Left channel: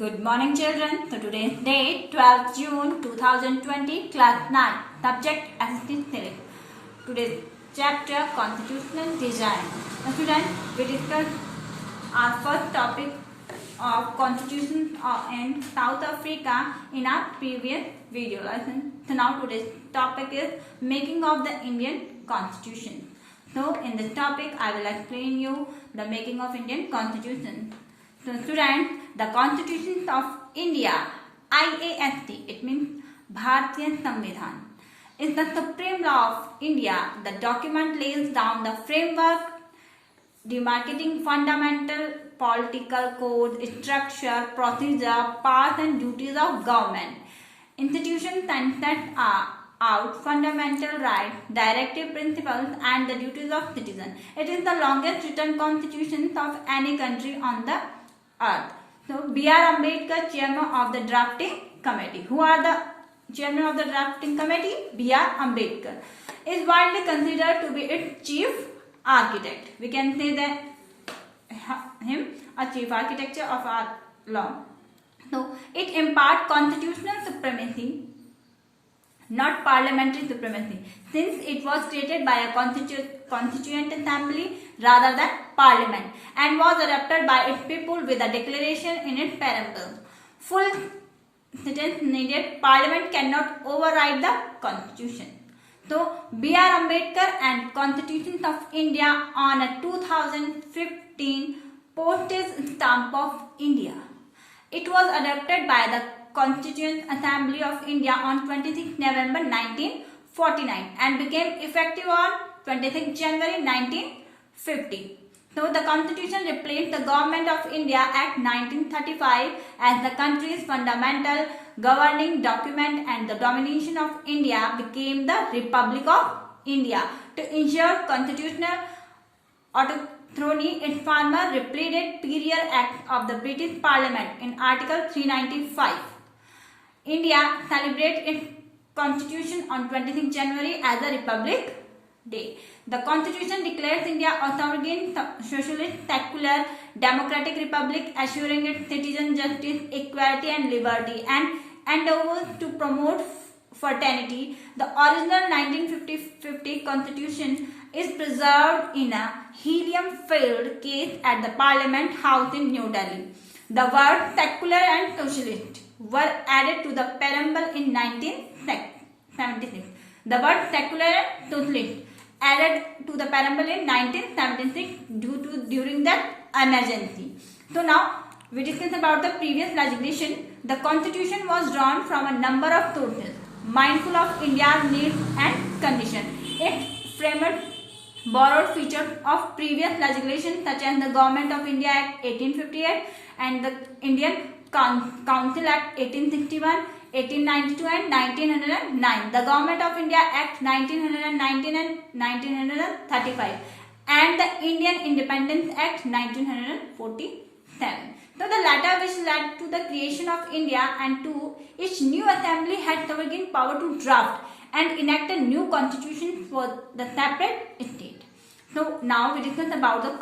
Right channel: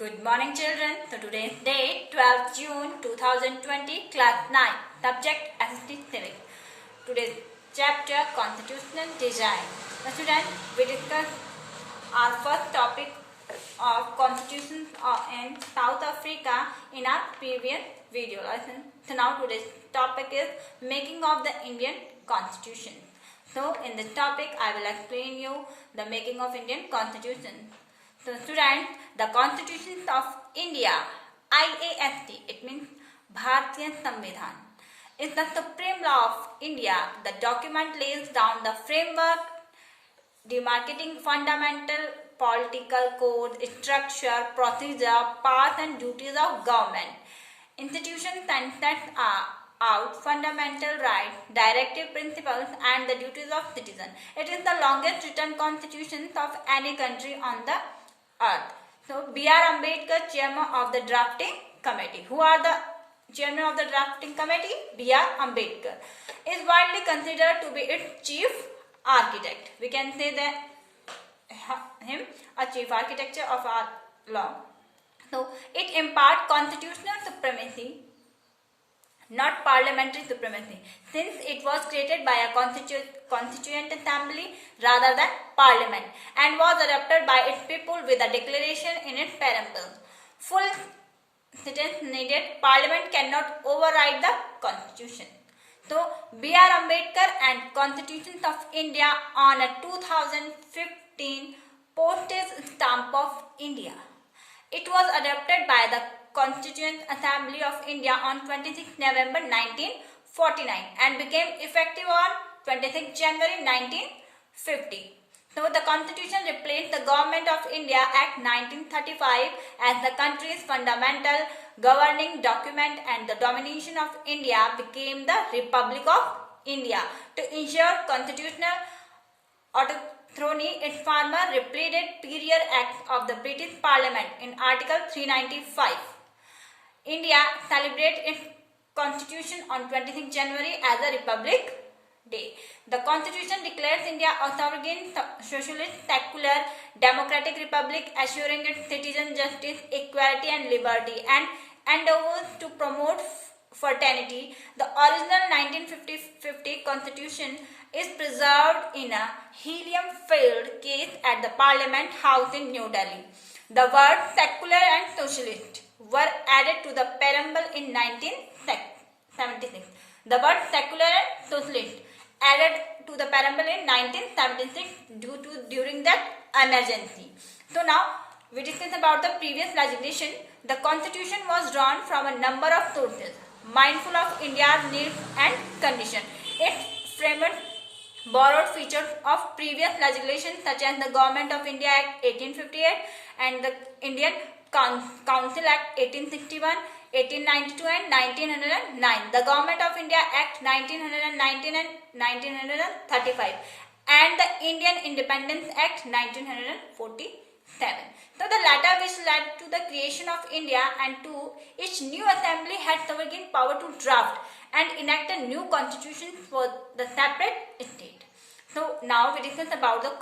Good morning children. So today's date 12th June 2020, class 9, subject SST Civic. Today's chapter Constitutional Design. Now students, we discussed our first topic of constitutions in South Africa in our previous video lesson. So now today's topic is making of the Indian Constitution. So in this topic I will explain you the making of Indian Constitution. So students, the Constitution of India, IAST, it means Bharatiya Samvidhan, is the supreme law of India. The document lays down the framework demarcating fundamental political code, structure, procedure, paths and duties of government, institutions and sets out fundamental rights, directive principles and the duties of citizens. It is the longest written constitution of any country on the earth. So, B.R. Ambedkar, chairman of the drafting committee. Who are the chairman of the drafting committee? B.R. Ambedkar is widely considered to be its chief architect. We can say that him a chief architecture of our law. So, it imparts constitutional supremacy, not parliamentary supremacy, since it was created by a constituent assembly rather than parliament and was adopted by its people with a declaration in its preamble. Full sentence needed. Parliament cannot override the constitution. So, B.R. Ambedkar and Constitution of India on a 2015 postage stamp of India. It was adopted by the Constituent Assembly of India on 26 November 1949 and became effective on 26 January 1950. So, the Constitution replaced the Government of India Act 1935 as the country's fundamental governing document, and the domination of India became the Republic of India. To ensure constitutional autonomy, its former repeated period act of the British Parliament in Article 395. India celebrates its constitution on 26 January as a Republic Day. The Constitution declares India a sovereign, socialist, secular, democratic republic, assuring its citizens justice, equality and liberty, and endeavors to promote fraternity. The original 1950 Constitution is preserved in a helium-filled case at the Parliament House in New Delhi. The words secular and socialist were added to the preamble in 1976. The word secular and socialist added to the preamble in 1976 during that emergency. So now we discuss about the previous legislation. The constitution was drawn from a number of sources, mindful of India's needs and conditions. Its framers borrowed features of previous legislation such as the Government of India Act 1858 and the Indian Council Act 1861, 1892 and 1909, the Government of India Act 1919 and 1935 and the Indian Independence Act 1947. So the latter, which led to the creation of India, and to each new assembly had sovereign power to draft and enact a new constitution for the separate state. So now we discuss about the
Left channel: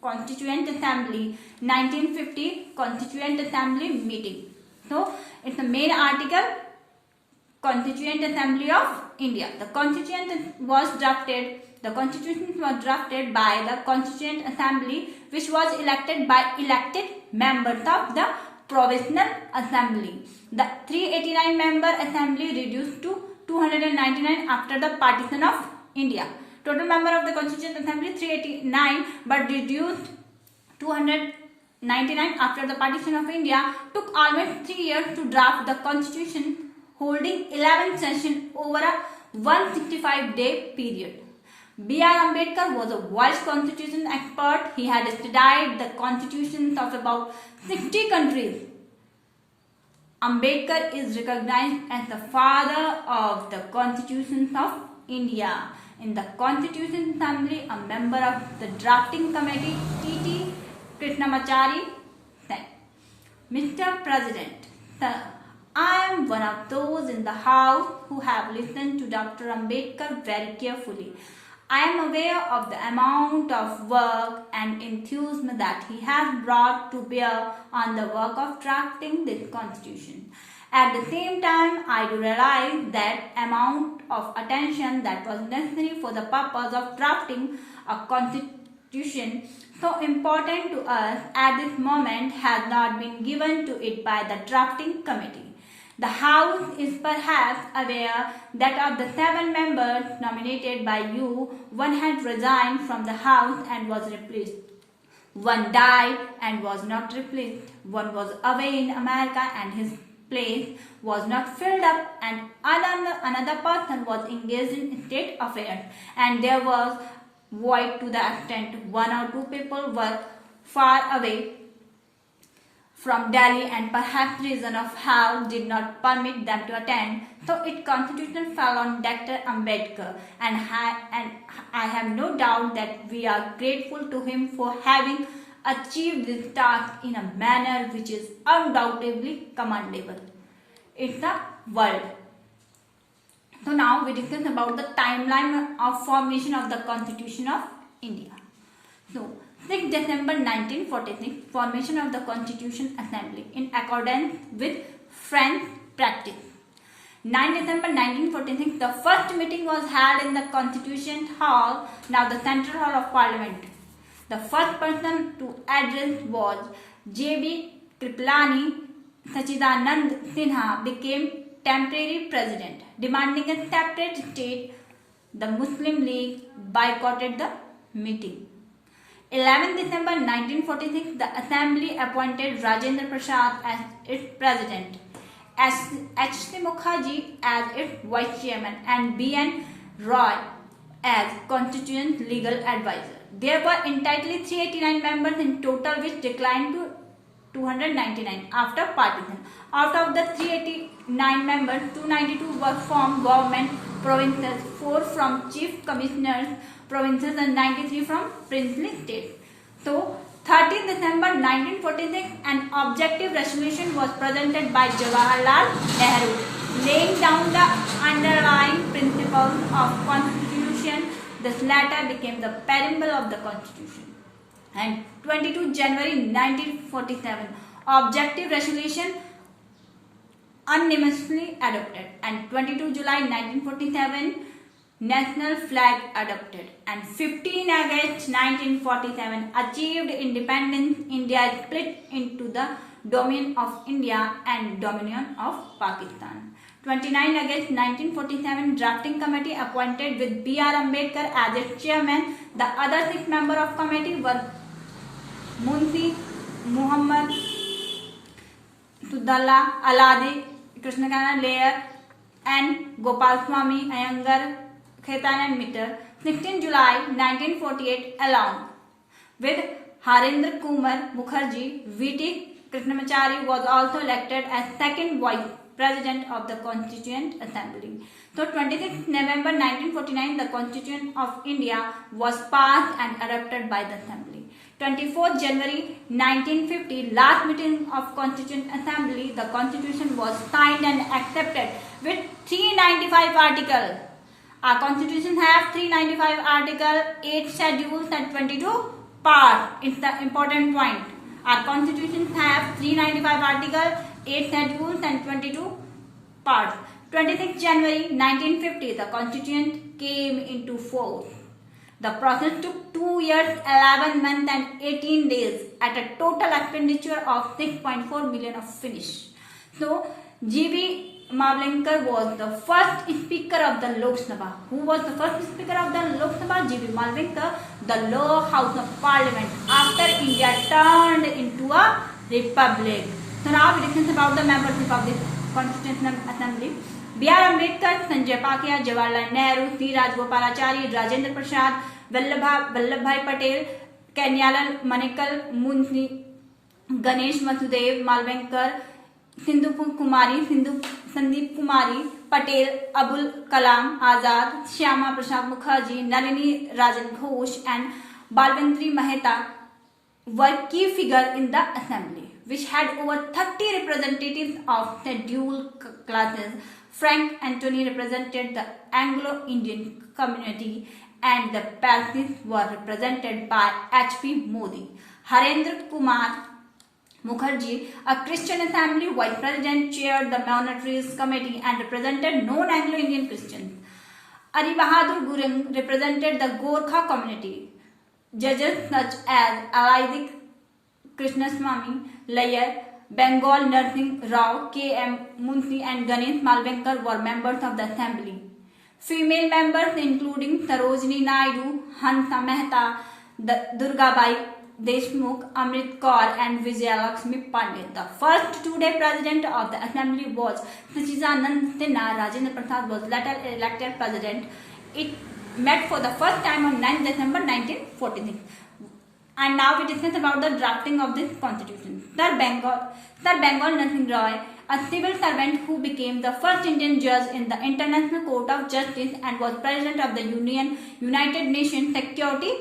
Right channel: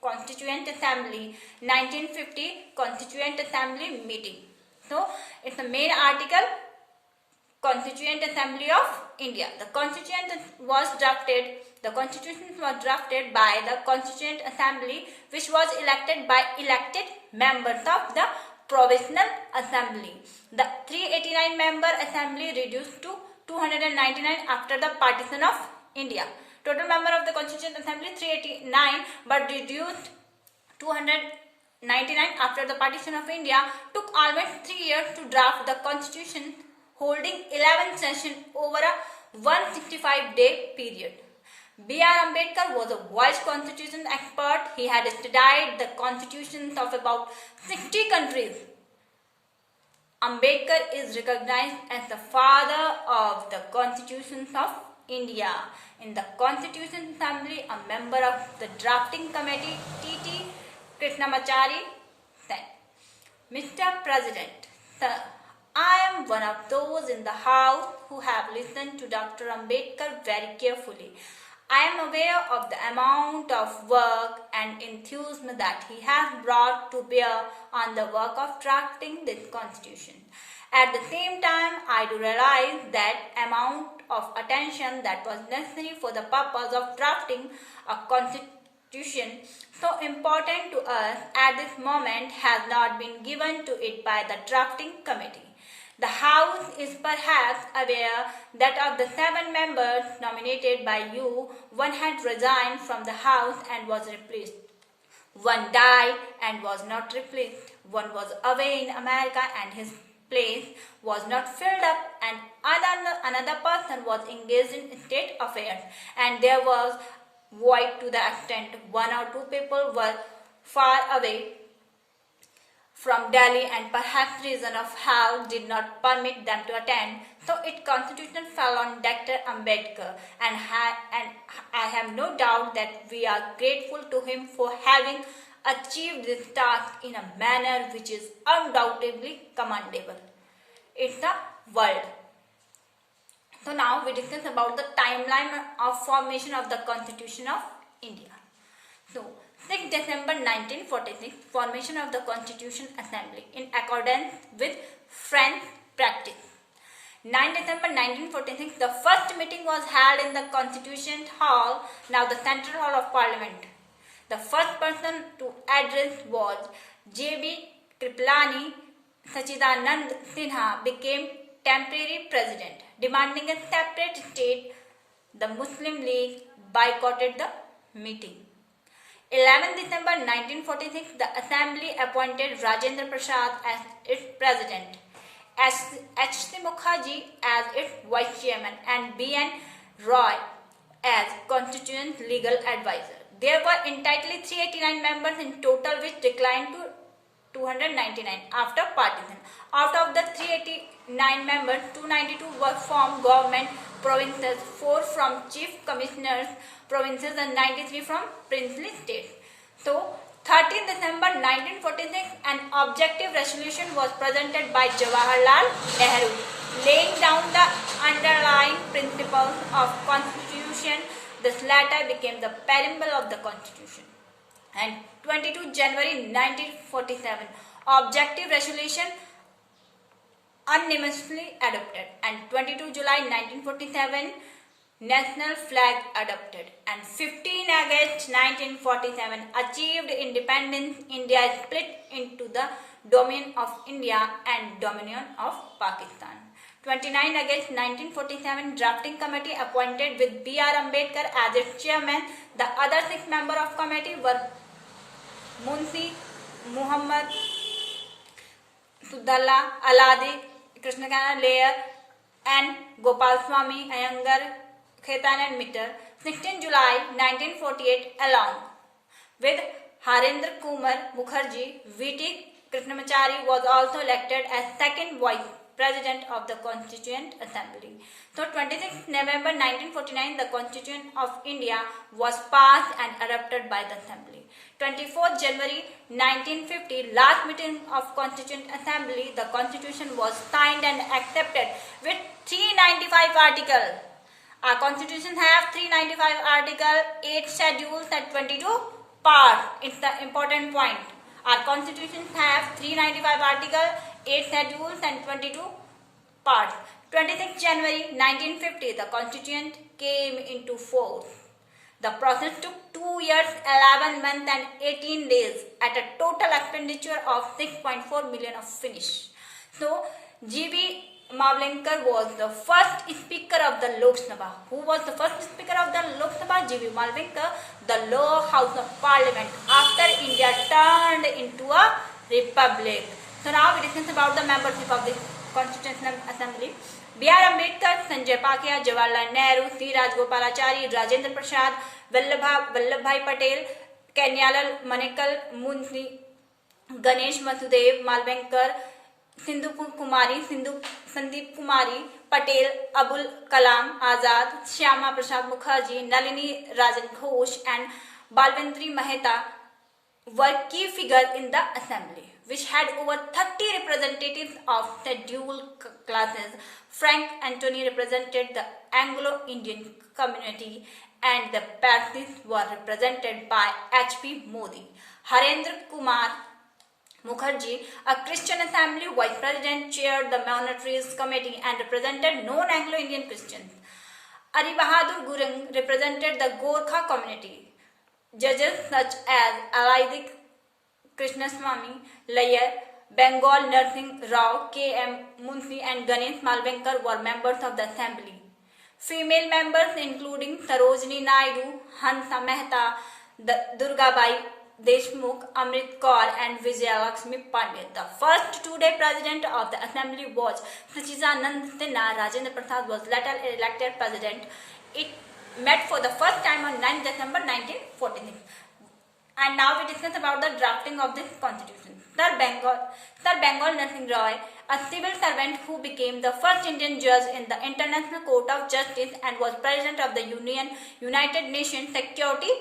Constituent Assembly 1950 Constituent Assembly meeting. So it's the main article, Constituent Assembly of India. The Constitution was drafted by the Constituent Assembly, which was elected by elected members of the Provisional Assembly. The 389 member assembly reduced to 299 after the partition of India. Total member of the Constituent Assembly 389 but reduced 299 after the partition of India. Took almost 3 years to draft the constitution, holding 11 sessions over a 165-day period. B.R. Ambedkar was a voiced constitution expert. He had studied the constitutions of about 60 countries. Ambedkar is recognized as the father of the constitutions of India. In the Constitution Assembly, a member of the drafting committee, T.T. Krishnamachari, said, Mr. President, I am one of those in the House who have listened to Dr. Ambedkar very carefully. I am aware of the amount of work and enthusiasm that he has brought to bear on the work of drafting this constitution. At the same time, I do realize that amount of attention that was necessary for the purpose of drafting a constitution so important to us at this moment has not been given to it by the drafting committee. The House is perhaps aware that of the 7 members nominated by you, one had resigned from the House and was replaced. One died and was not replaced. One was away in America and his place was not filled up, and another person was engaged in state affairs, and there was void to the extent 1 or 2 people were far away from Delhi, and perhaps reason of health did not permit them to attend. So its constitution fell on Dr. Ambedkar, and I have no doubt that we are grateful to him for having achieved this task in a manner which is undoubtedly commendable. It's the world. So now we discuss about the timeline of formation of the Constitution of India. So 6 December 1946, formation of the Constitution Assembly in accordance with French practice. 9 December 1946, the first meeting was held in the Constitution Hall, now the Central Hall of Parliament. The first person to address was J.B. Kripalani. Sachidanand Sinha became temporary president, demanding a separate state. The Muslim League boycotted the meeting. 11 December 1946, the Assembly appointed Rajendra Prasad as its president, H.C. Mukherjee as its vice chairman, and B.N. Roy as constituent legal advisor. There were entirely 389 members in total, which declined to 299 after partition. Out of the 389 members, 292 were from government provinces, 4 from chief commissioners provinces, and 93 from princely states. So, 13 December 1946, an objective resolution was presented by Jawaharlal Nehru, laying down the underlying principles of constitution. This latter became the preamble of the constitution. And 22 January 1947, objective resolution unanimously adopted, and 22 July 1947, national flag adopted, and 15 August 1947, achieved independence. India split into the Dominion of India and Dominion of Pakistan. 29 August 1947, drafting committee appointed with B.R. Ambedkar as its chairman. The other 6 members of committee were Munshi Muhammad Sudalla, Aladi Krishnakana Layer, and Gopal Swami Iyengar, Khaitan and Mitter. 16 July 1948, along with Harendra Kumar Mukherjee, V.T. Krishnamachari was also elected as second vice president of the Constituent Assembly. So 26 November 1949, the Constitution of India was passed and adopted by the Assembly. 24 January 1950, last meeting of Constituent Assembly, the Constitution was signed and accepted with 395 articles. Our Constitution has 395 articles, 8 schedules and 22 parts. It's the important point. Our Constitution has 395 articles, 8 schedules and 22 parts. 26 January 1950, the Constitution came into force. The process took 2 years, 11 months and 18 days at a total expenditure of 6.4 million of finish. So, G.V. Mavlenkar was the first Speaker of the Lok Sabha. Who was the first Speaker of the Lok Sabha? G.V. Mavlenkar, the lower house of parliament after India turned into a republic. So now we discuss about the members of the Constitutional Assembly. B.R. Ambedkar, Sanjay Pakia, Jawaharlal Nehru, C. Rajagopalachari, Rajendra Prasad, Vallabhbhai Patel, Kanyailal Manekal, Munshi, Ganesh Vasudev, Mavlenkar, Sandeep Kumari Patel, Abul Kalam Azad, Shyama Prasad Mukherjee, Nalini Rajan Ghosh and Balwantri Mehta were key figures in the assembly, which had over 30 representatives of scheduled classes. Frank Anthony represented the Anglo-Indian community and the Parsis were represented by H.P. Modi. Harendra Kumar Mukherjee, a Christian Assembly Vice President, chaired the Monarchies Committee and represented non-Anglo-Indian Christians. Ari Bahadur Gurung represented the Gorkha community. Judges such as Isaac Krishnaswamy Layar, Bengal Narsingh Rao, K.M. Munshi and Ganesh Malvinkar were members of the assembly. Female members including Sarojini Naidu, Hansa Mehta, Durgabai Deshmukh, Amrit Kaur and Vijayalakshmi Pandey. The first two-day president of the assembly was Sachidanand Sinha. Rajendra Prasad was later elected president. It met for the first time on 9 December 1946. And now we discuss about the drafting of this constitution. Sir Bengal Narsingh Roy, a civil servant who became the first Indian judge in the International Court of Justice and was president of the United Nations Security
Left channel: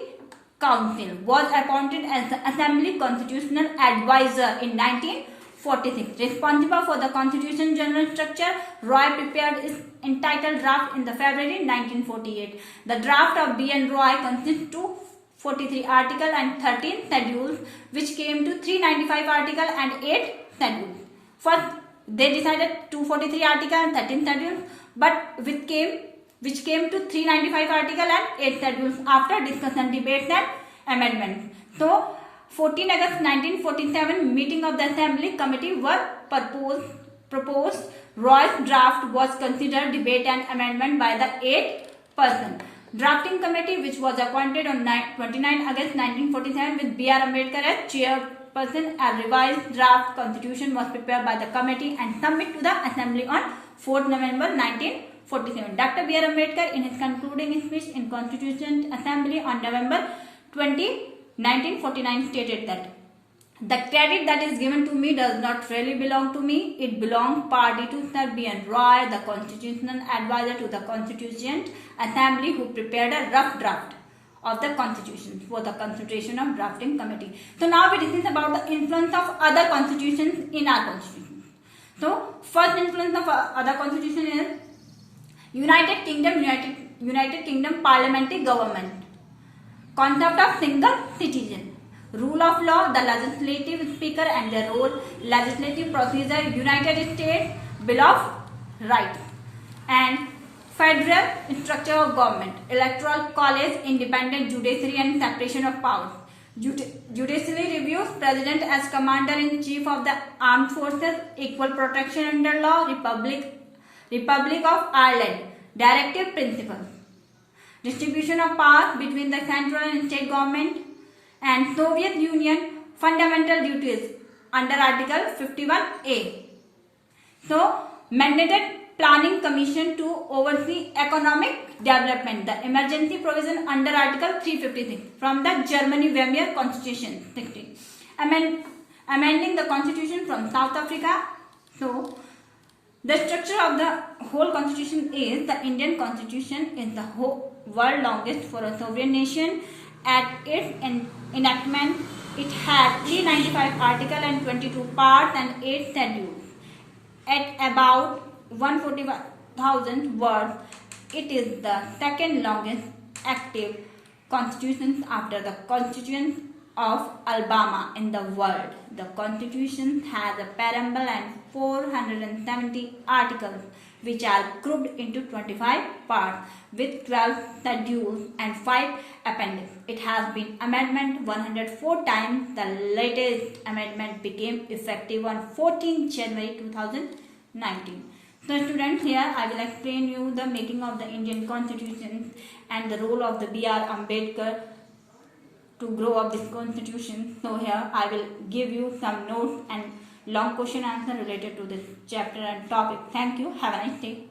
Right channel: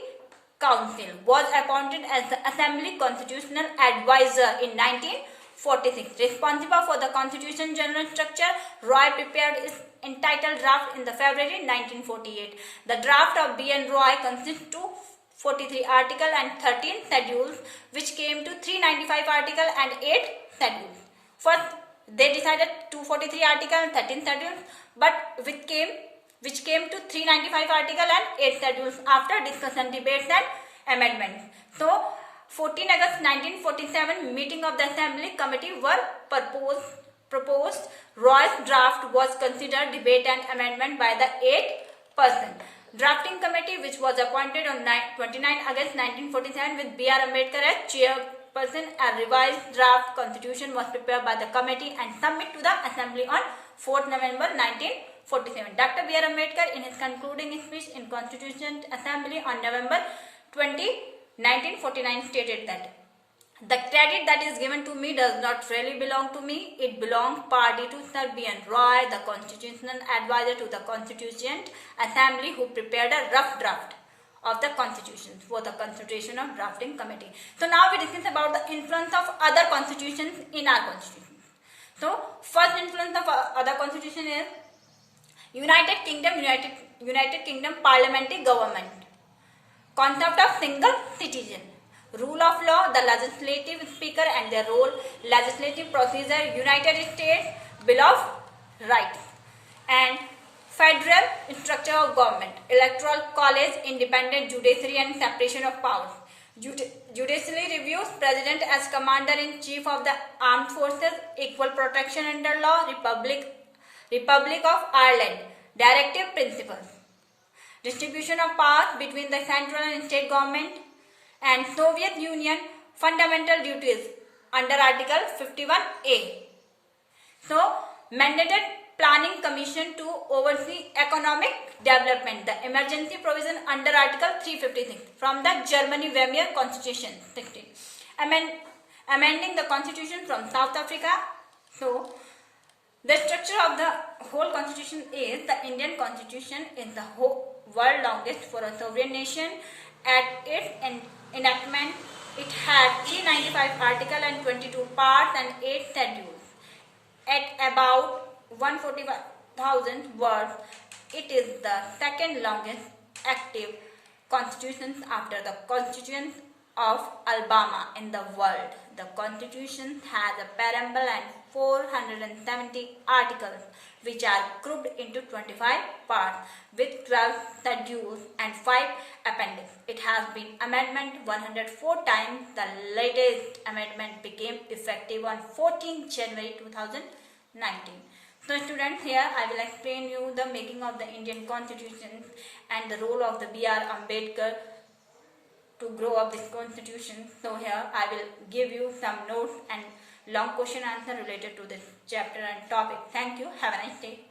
Council, was appointed as the Assembly Constitutional Advisor in 1946. Responsible for the Constitution general structure, Roy prepared his entitled draft in the February 1948. The draft of B.N. Roy consists of 43 articles and 13 schedules, which came to 395 articles and 8 schedules. First, they decided 243 articles and 13 schedules, but which came to 395 articles and 8 schedules after discussion, debates and amendments. So, 14 August 1947 meeting of the Assembly Committee were proposed. Roy's draft was considered, debate and amendment by the 8-person drafting committee, which was appointed on 29 August 1947 with B.R. Ambedkar as chairperson. A revised draft constitution was prepared by the committee and submitted to the Assembly on 4th November 1947. Dr. B.R. Ambedkar, in his concluding speech in Constituent Assembly on November 20, 1949, stated that the credit that is given to me does not really belong to me. It belongs partly to Sir B.N. Roy, the constitutional advisor to the Constituent Assembly, who prepared a rough draft of the constitution for the consideration of drafting committee. So now we discuss about the influence of other constitutions in our constitution. So first influence of other constitution is United Kingdom parliamentary government, concept of single citizen, rule of law, the legislative speaker and their role, legislative procedure, United States Bill of Rights, and federal structure of government, electoral college, independent judiciary and separation of powers. Judiciary reviews, president as commander-in-chief of the armed forces, equal protection under law, Republic of Ireland, directive principles, distribution of powers between the central and state government, and Soviet Union, fundamental duties under Article 51A. So, mandated Planning Commission to oversee economic development, the emergency provision under Article 356 from the Germany-Weimar Constitution 16. Amending the Constitution from South Africa. So, the structure of the whole Constitution is the Indian Constitution is the whole world longest for a sovereign nation. At its enactment, it had 395 articles and 22 parts and 8 schedules. At about 141,000 words, it is the second longest active constitution after the Constitution of Alabama in the world. The Constitution has a preamble and 470 articles, which are grouped into 25 parts with 12 schedules and 5 appendixes. It has been amended 104 times. The latest amendment became effective on 14 January 2019. So students, here I will explain you the making of the Indian Constitution and the role of the B.R. Ambedkar to grow up this constitution. So here I will give you some notes and long question answer related to this chapter and topic. Thank you. Have a nice day.